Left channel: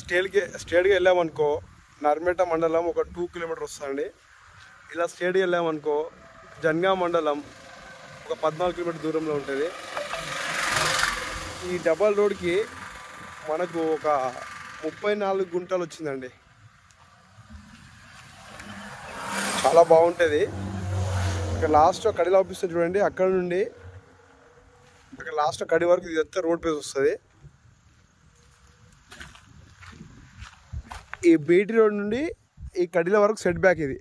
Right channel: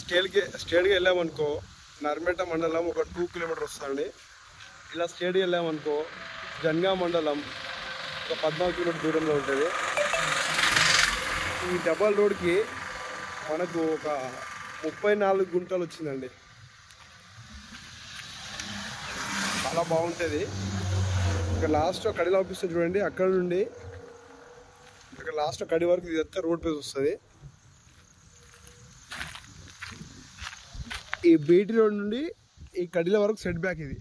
స్ట్రేట్గా వెళ్ళామనుకో నర్మేట మండలం ఒక 2 కిలోమీటర్ వస్తుందండి. ఇలా స్ట్రేట్గా వెళ్ళామనుకో జన్గా మండలం ఒక 14 కిలోమీటర్ దూరంలో ఉంటుంది. ఈ డబల్ రోడ్కి మనకు ఒక 34 గుంటలు వచ్చిందండి. చాలా బాగుంటుంది. ఇక్కడ లాస్ట్ కడిలో ఆపిస్తుంది చూడండి, అక్కడ నుండి అక్కడ లాస్ట్ కడి వరకు ఇదంతా రోడ్ పేస్ వస్తుంది. ఈ బీటీ రోడ్ నుండి ఈ కడిల వరకు సెట్ బ్యాక్ ఇది.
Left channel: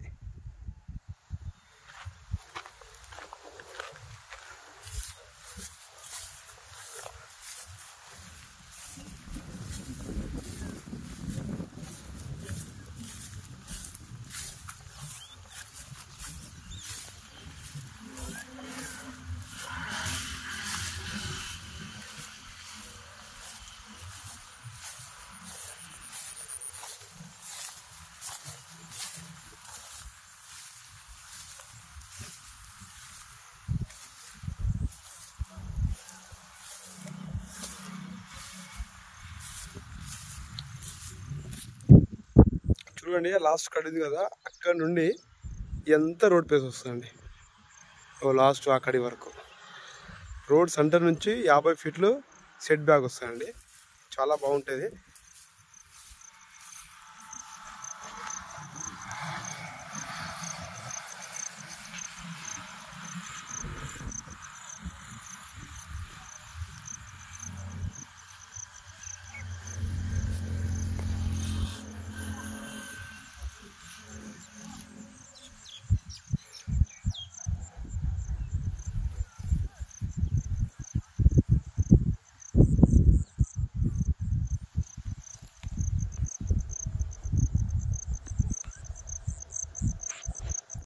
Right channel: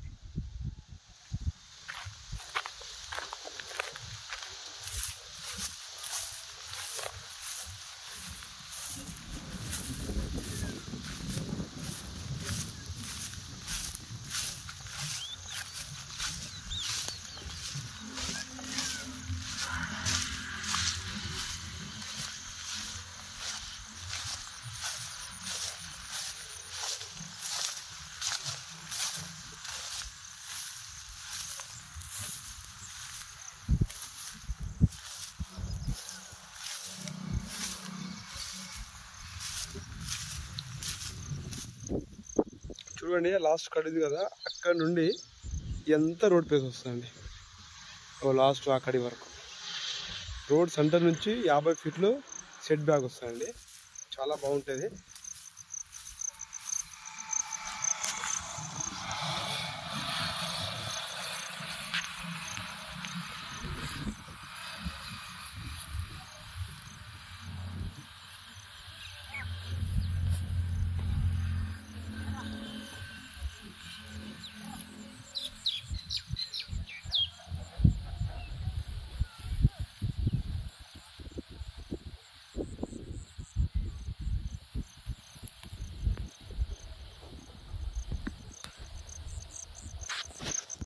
చూడండి లాస్ట్ కడిది కదా, అక్కడ నుండి ఎంత రోడ్ పేస్ వస్తుందండి లాస్ట్ ఆ కడి వరకు. రోడ్ సెంటర్ నుంచి 50 ఫీట్లు సెట్ బ్యాక్ వస్తుందండి. చాలా బాగుంటుంది.